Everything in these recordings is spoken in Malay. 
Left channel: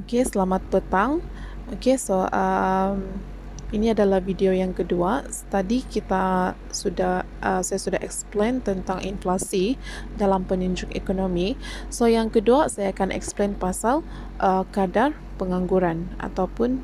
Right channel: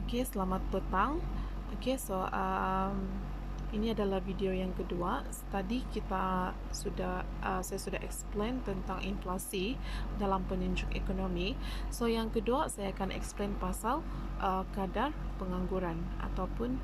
Oke, selamat petang. Oke, ini adalah video yang kedua. Tadi saya sudah explain tentang inflasi dalam penunjuk ekonomi. So, yang kedua saya akan explain pasal kadar pengangguran ataupun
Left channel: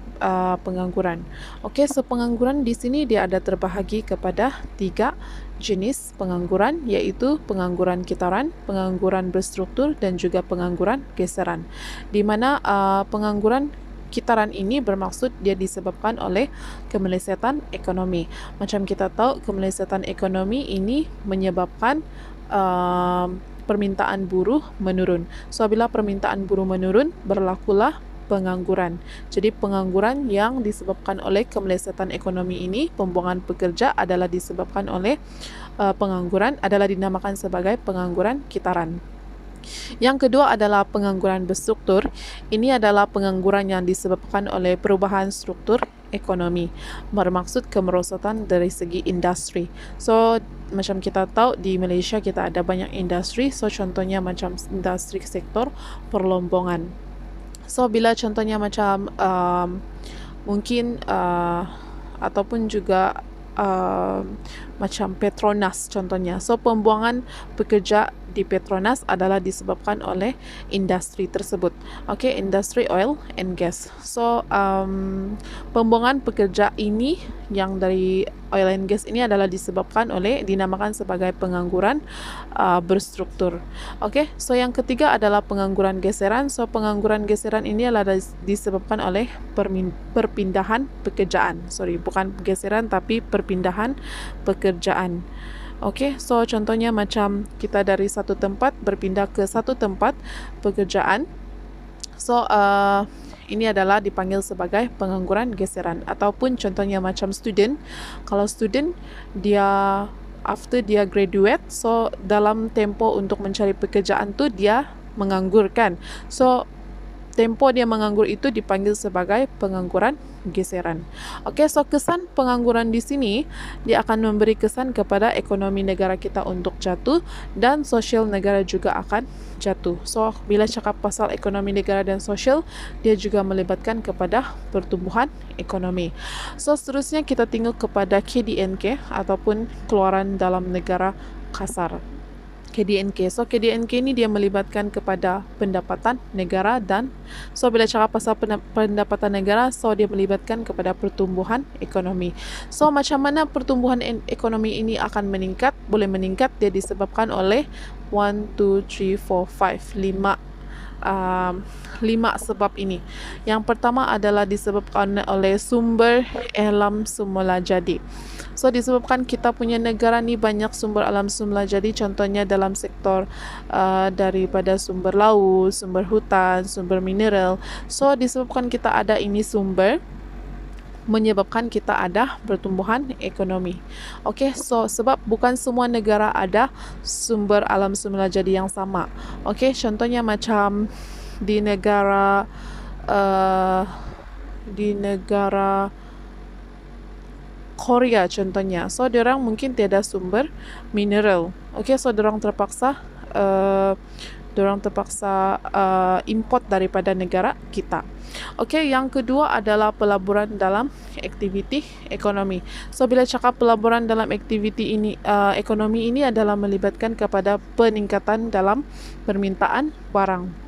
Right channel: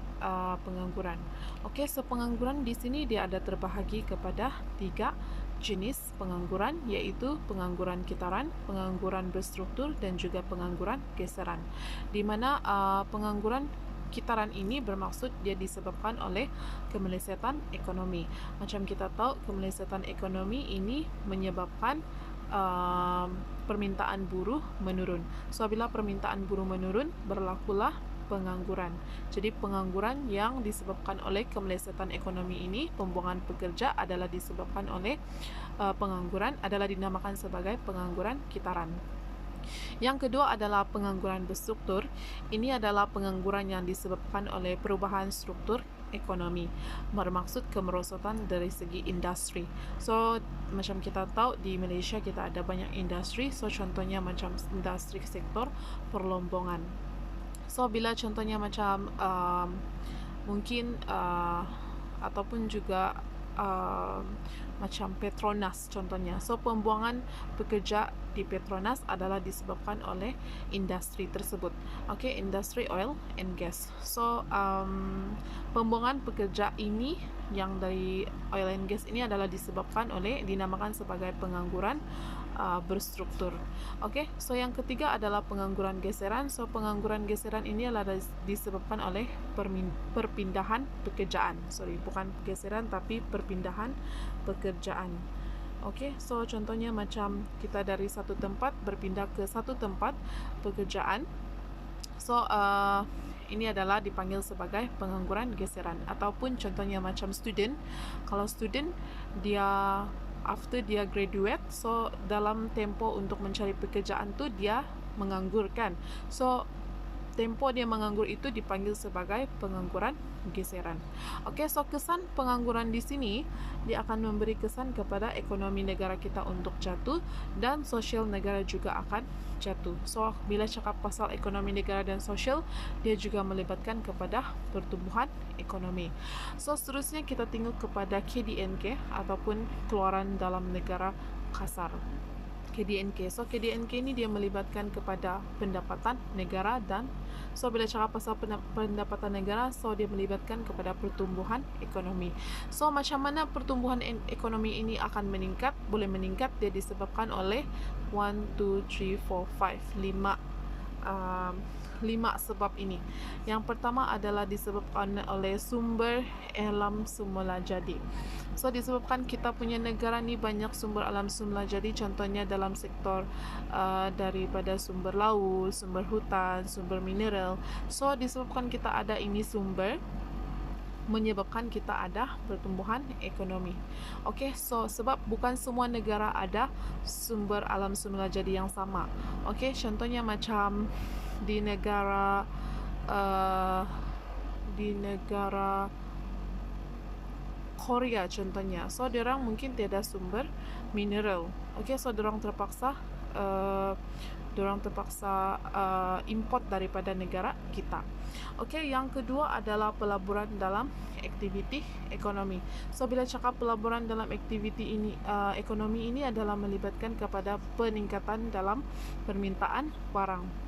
pengangguran. Oke, so pengangguran di sini dia ada terbahagi kepada 3 jenis pengangguran, yaitu pengangguran kitaran, pengangguran berstruktur, dan juga pengangguran geseran. Di mana pengangguran kitaran ini bermaksud dia disebabkan oleh kemelesetan ekonomi. Macam kita tahu, kemelesetan ekonomi ini menyebabkan permintaan buruh menurun. So, bila permintaan buruh menurun, berlakulah pengangguran. Jadi pengangguran yang disebabkan oleh kemelesetan ekonomi ini, pembuangan pekerja adalah disebabkan oleh pengangguran, adalah dinamakan sebagai pengangguran kitaran. Yang kedua adalah pengangguran berstruktur. Ini adalah pengangguran yang disebabkan oleh perubahan struktur ekonomi, bermaksud kemerosotan dari segi industri. So, macam kita tahu di Malaysia kita ada banyak industri. So, contohnya macam industri sektor perlombongan. So, bila contohnya macam mungkin ataupun juga macam Petronas contohnya. So, pembuangan pekerja di Petronas adalah disebabkan oleh industri tersebut. Okay, industri oil and gas. So, pembuangan pekerja ini yang dari oil and gas ini adalah dinamakan sebagai pengangguran berstruktur. Okay, so yang ketiga adalah pengangguran geseran. So, pengangguran geseran ini adalah disebabkan oleh perpindahan pekerjaan. Bukan geseran tapi perpindahan pekerjaan. Okey, so contohnya macam kita dari satu tempat berpindah ke satu tempat pekerjaan. So, ini adalah dipanggil sebagai pengangguran geseran. Ataupun contohnya macam student. Kalau student, dia after dia graduate, so dalam tempo untuk mencari pekerjaan tu dia menganggur kan. So, tempo dia menganggur itu dipanggil sebagai pengangguran geseran. Okey, so kesan pengangguran di sini dia akan memberi kesan kepada ekonomi negara kita untuk jatuh dan sosial negara juga akan jatuh. So, bila cakap pasal ekonomi negara dan sosial, dia juga melibatkan kepada pertumbuhan ekonomi. So, seterusnya kita tengok kepada KDNK ataupun keluaran dalam negara kasar. KDNK. So, KDNK ini dia melibatkan kepada pendapatan negara dan bila cakap pasal pendapatan negara, so dia melibatkan kepada pertumbuhan ekonomi. So, macam mana pertumbuhan ekonomi ini akan meningkat? Boleh meningkat, dia disebabkan oleh 1, 2, 3, 4, 5 sebab ini. Yang pertama adalah disebabkan oleh sumber alam semula jadi. So, disebabkan kita punya negara ni banyak sumber alam semula jadi, contohnya dalam sektor daripada sumber laut, sumber hutan, sumber mineral. So, disebabkan kita ada ini sumber, menyebabkan kita ada pertumbuhan ekonomi. Okey, so sebab bukan semua negara ada sumber alam semula jadi yang sama. Okey, contohnya macam di negara Korea contohnya. So, diorang mungkin tiada sumber mineral. Okey, so diorang terpaksa import daripada negara kita. Okey, yang kedua adalah pelaburan dalam aktiviti ekonomi. So, bila cakap pelaburan dalam aktiviti ini ekonomi ini adalah melibatkan kepada peningkatan dalam permintaan barang.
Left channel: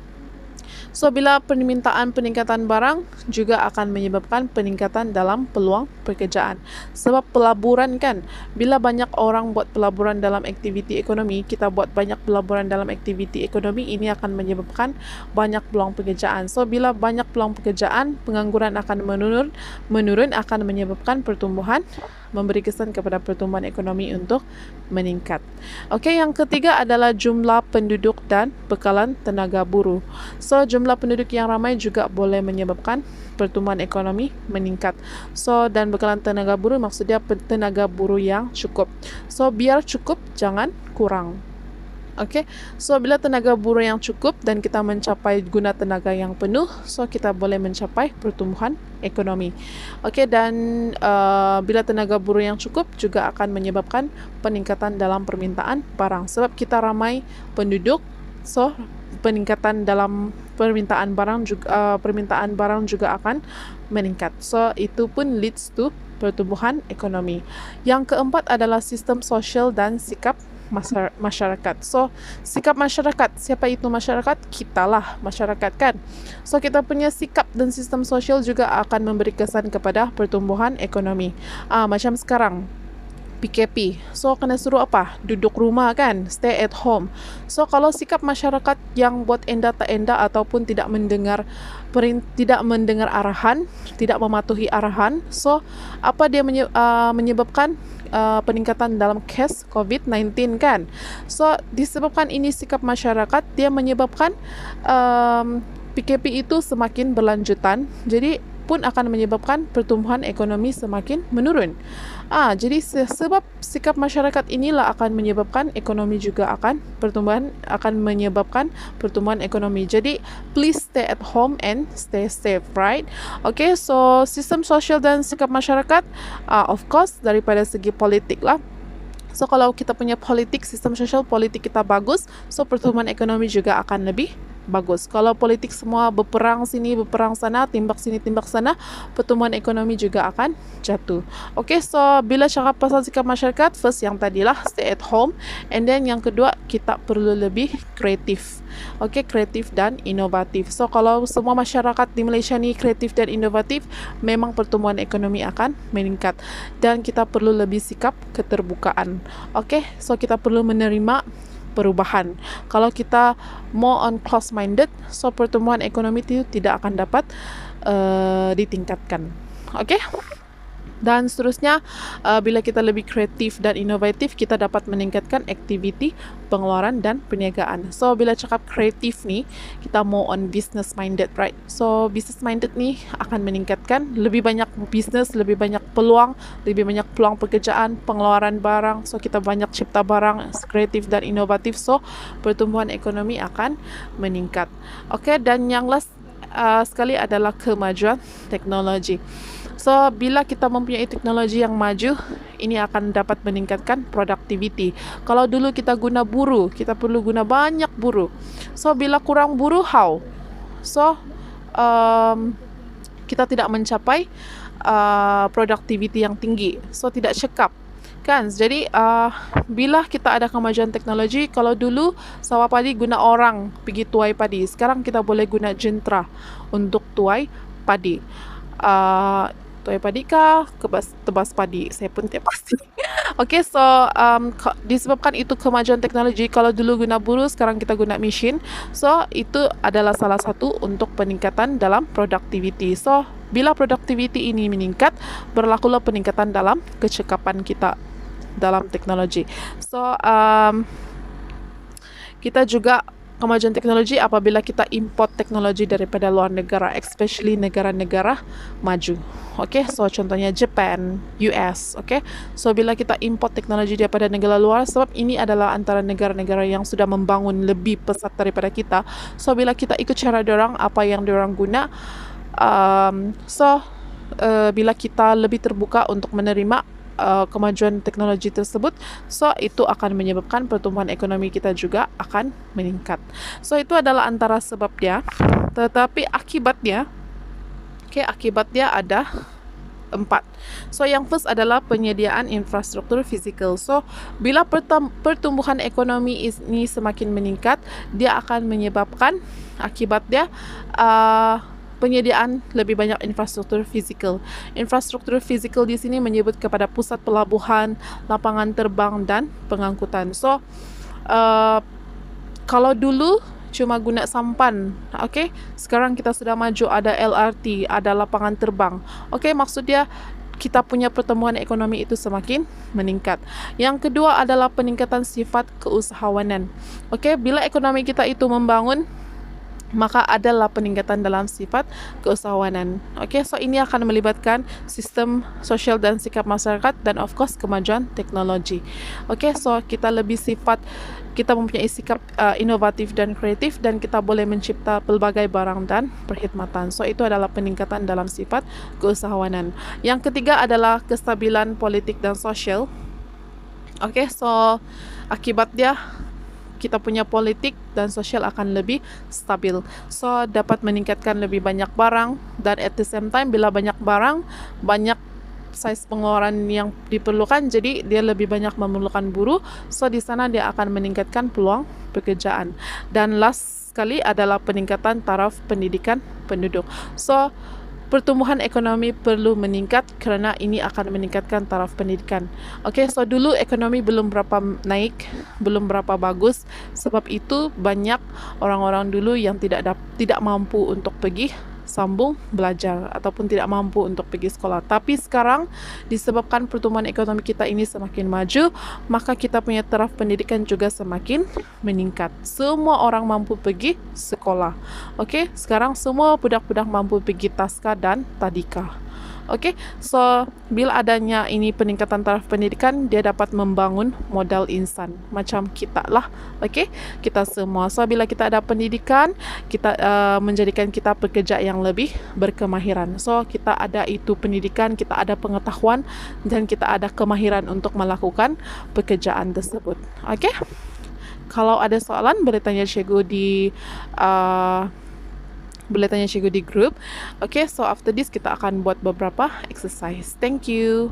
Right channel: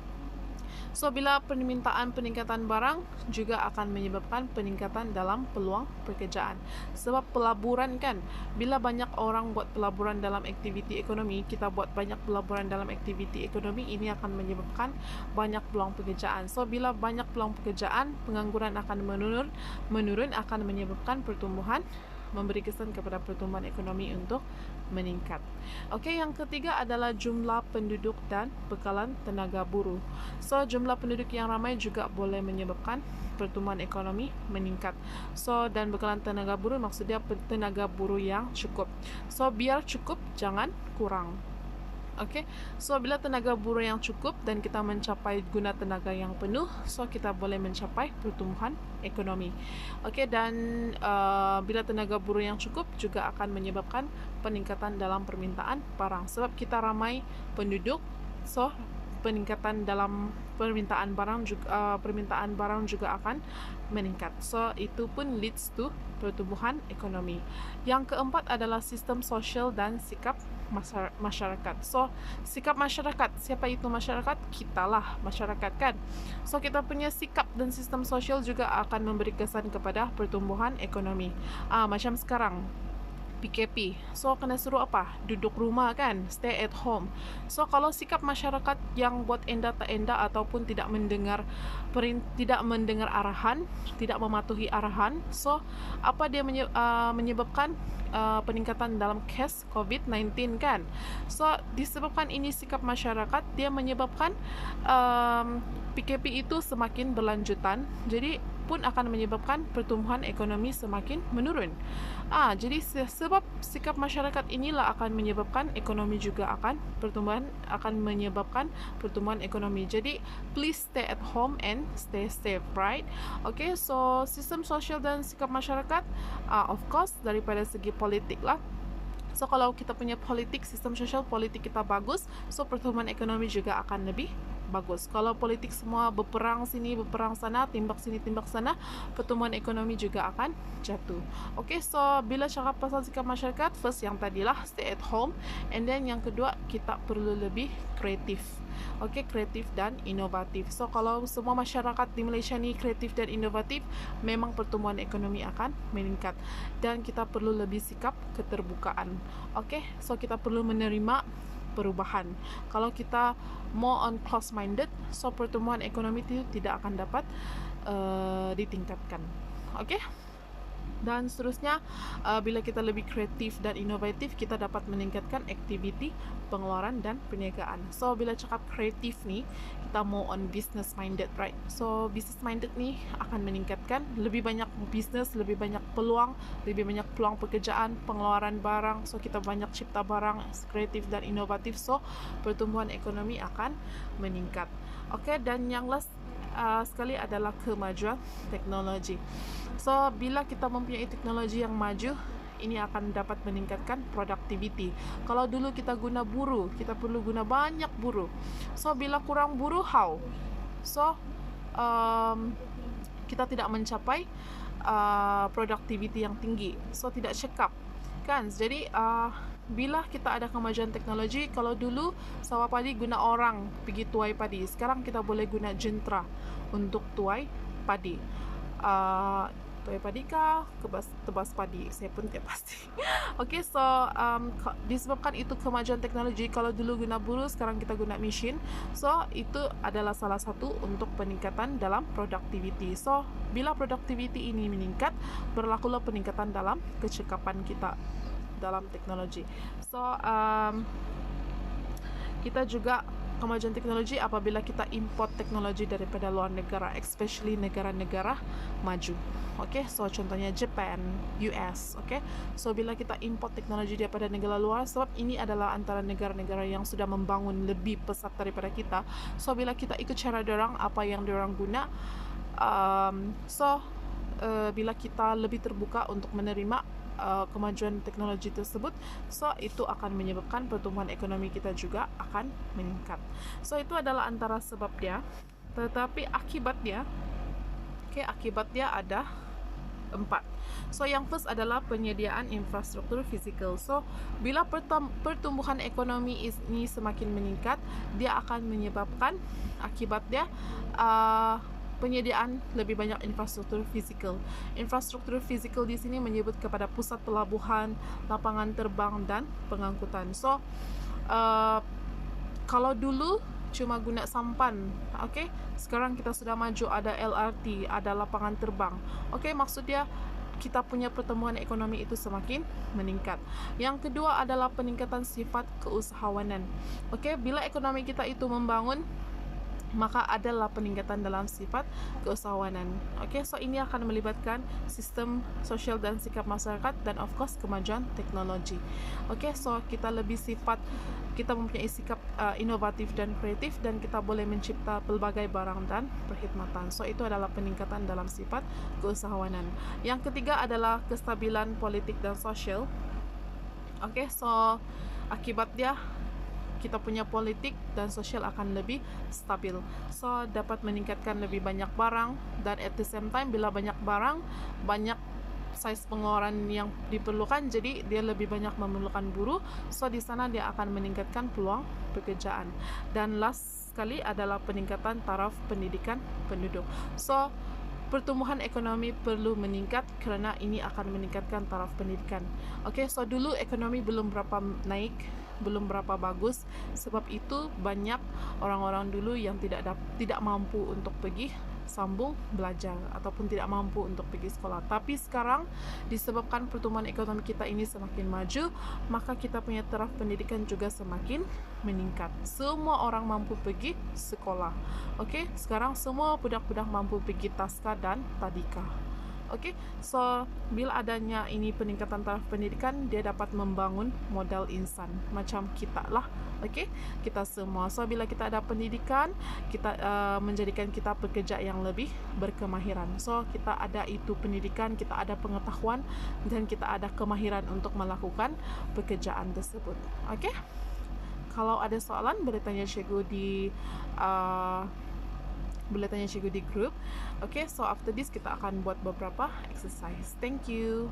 So, bila peningkatan barang juga akan menyebabkan peningkatan dalam peluang pekerjaan. Sebab pelaburan kan, bila banyak orang buat pelaburan dalam aktiviti ekonomi, kita buat banyak pelaburan dalam aktiviti ekonomi, ini akan menyebabkan banyak peluang pekerjaan. So, bila banyak peluang pekerjaan, pengangguran akan menurun akan menyebabkan pertumbuhan, memberi kesan kepada pertumbuhan ekonomi untuk meningkat. Okey, yang ketiga adalah jumlah penduduk dan bekalan tenaga buruh. So, jumlah penduduk yang ramai juga boleh menyebabkan pertumbuhan ekonomi meningkat. So, dan bekalan tenaga buruh maksudnya tenaga buruh yang cukup. So, biar cukup, jangan kurang. Okey, so bila tenaga buruh yang cukup dan kita mencapai guna tenaga yang penuh, so kita boleh mencapai pertumbuhan ekonomi. Okey, dan bila tenaga buruh yang cukup juga akan menyebabkan peningkatan dalam permintaan barang. Sebab kita ramai penduduk, so peningkatan dalam permintaan barang juga akan meningkat. So itu pun leads to pertumbuhan ekonomi. Yang keempat adalah sistem sosial dan sikap masyarakat. So sikap masyarakat, siapa itu masyarakat? Kitalah masyarakat kan. So kita punya sikap dan sistem sosial juga akan memberi kesan kepada pertumbuhan ekonomi. Macam sekarang PKP. So kena suruh apa? Duduk rumah kan, stay at home. So kalau sikap masyarakat yang buat enda tak enda ataupun tidak mendengar arahan, tidak mematuhi arahan, so apa dia menyebabkan peningkatan dalam kes COVID-19 kan. So disebabkan ini sikap masyarakat, dia menyebabkan PKP itu semakin berlanjutan. Jadi pun akan menyebabkan pertumbuhan ekonomi semakin menurun. Jadi sebab sikap masyarakat inilah akan menyebabkan ekonomi juga akan menyebabkan pertumbuhan ekonomi. Jadi please stay at home and stay safe, right? Okay, so sistem sosial dan sikap masyarakat, of course daripada segi politik lah. So kalau kita punya sistem sosial politik kita bagus, so pertumbuhan ekonomi juga akan lebih bagus. Kalau politik semua berperang sini, berperang sana, timbak sini, timbak sana, pertumbuhan ekonomi juga akan jatuh. Okay, so bila cakap pasal sikap masyarakat, first yang tadilah stay at home, and then yang kedua kita perlu lebih kreatif. Okay, kreatif dan inovatif. So kalau semua masyarakat di Malaysia ni kreatif dan inovatif, memang pertumbuhan ekonomi akan meningkat. Dan kita perlu lebih sikap keterbukaan. Okay, so kita perlu menerima perubahan. Kalau kita more on close-minded, so pertumbuhan ekonomi itu tidak akan dapat ditingkatkan. Okay? Dan seterusnya, bila kita lebih kreatif dan inovatif, kita dapat meningkatkan aktiviti pengeluaran dan perniagaan. So bila cakap kreatif ni, kita more on business minded, right? So business minded ni akan meningkatkan lebih banyak bisnes, lebih banyak peluang pekerjaan, pengeluaran barang. So kita banyak cipta barang kreatif dan inovatif. So pertumbuhan ekonomi akan meningkat. Okay, dan yang last sekali adalah kemajuan teknologi. So, bila kita mempunyai teknologi yang maju, ini akan dapat meningkatkan productivity. Kalau dulu kita guna buruh, kita perlu guna banyak buruh. So, bila kurang buruh, how? So, kita tidak mencapai productivity yang tinggi. So, tidak cekap. Kan? Jadi, bila kita ada kemajuan teknologi, kalau dulu sawah padi guna orang pergi tuai padi. Sekarang kita boleh guna jentera untuk tuai padi. Tuai padi kah? Tebas padi? Saya pun tidak pasti. Okay, so disebabkan itu kemajuan teknologi, kalau dulu guna buruh, sekarang kita guna mesin. So itu adalah salah satu untuk peningkatan dalam productivity. So bila productivity ini meningkat, berlakulah peningkatan dalam kecekapan kita dalam teknologi. So kita juga kemajuan teknologi apabila kita import teknologi daripada luar negara, especially negara-negara maju. Okay, so contohnya Japan, US. Okay, so bila kita import teknologi daripada negara luar, sebab ini adalah antara negara-negara yang sudah membangun lebih pesat daripada kita. So bila kita ikut cara diorang, apa yang diorang guna, bila kita lebih terbuka untuk menerima kemajuan teknologi tersebut, so itu akan menyebabkan pertumbuhan ekonomi kita juga akan meningkat. So itu adalah antara sebabnya, tetapi akibatnya ada 4. So yang first adalah penyediaan infrastruktur fizikal. So bila pertumbuhan ekonomi ini semakin meningkat, dia akan menyebabkan akibatnya penyediaan lebih banyak infrastruktur fizikal. Infrastruktur fizikal di sini menyebut kepada pusat pelabuhan, lapangan terbang dan pengangkutan. So kalau dulu cuma guna sampan, okay, sekarang kita sudah maju, ada LRT, ada lapangan terbang. Okay, maksudnya kita punya pertumbuhan ekonomi itu semakin meningkat. Yang kedua adalah peningkatan sifat keusahawanan. Okay, bila ekonomi kita itu membangun, maka adalah peningkatan dalam sifat keusahawanan. Okay, so ini akan melibatkan sistem sosial dan sikap masyarakat dan of course kemajuan teknologi. Okay, so kita mempunyai sikap inovatif dan kreatif, dan kita boleh mencipta pelbagai barang dan perkhidmatan. So itu adalah peningkatan dalam sifat keusahawanan. Yang ketiga adalah kestabilan politik dan sosial. Okay, so akibat dia kita punya politik dan sosial akan lebih stabil. So, dapat meningkatkan lebih banyak barang, dan at the same time bila banyak barang, banyak size pengeluaran yang diperlukan, jadi dia lebih banyak memerlukan buruh. So, di sana dia akan meningkatkan peluang pekerjaan. Dan last sekali adalah peningkatan taraf pendidikan penduduk. So, pertumbuhan ekonomi perlu meningkat kerana ini akan meningkatkan taraf pendidikan. Okay, so dulu ekonomi belum berapa naik, belum berapa bagus. Sebab itu banyak orang-orang dulu yang tidak mampu untuk pergi sambung belajar ataupun tidak mampu untuk pergi sekolah. Tapi sekarang disebabkan pertumbuhan ekonomi kita ini semakin maju, maka kita punya taraf pendidikan juga semakin meningkat. Semua orang mampu pergi sekolah. Okey, sekarang semua budak-budak mampu pergi taska dan tadika. Okey, so bila adanya ini peningkatan taraf pendidikan, dia dapat membangun modal insan macam kita lah. Okey, kita semua. So bila kita ada pendidikan, kita menjadikan kita pekerja yang lebih berkemahiran. So kita ada itu pendidikan, kita ada pengetahuan dan kita ada kemahiran untuk melakukan pekerjaan tersebut. Okey. Kalau ada soalan boleh tanya cikgu di grup. Okay, so after this kita akan buat beberapa exercise. Thank you.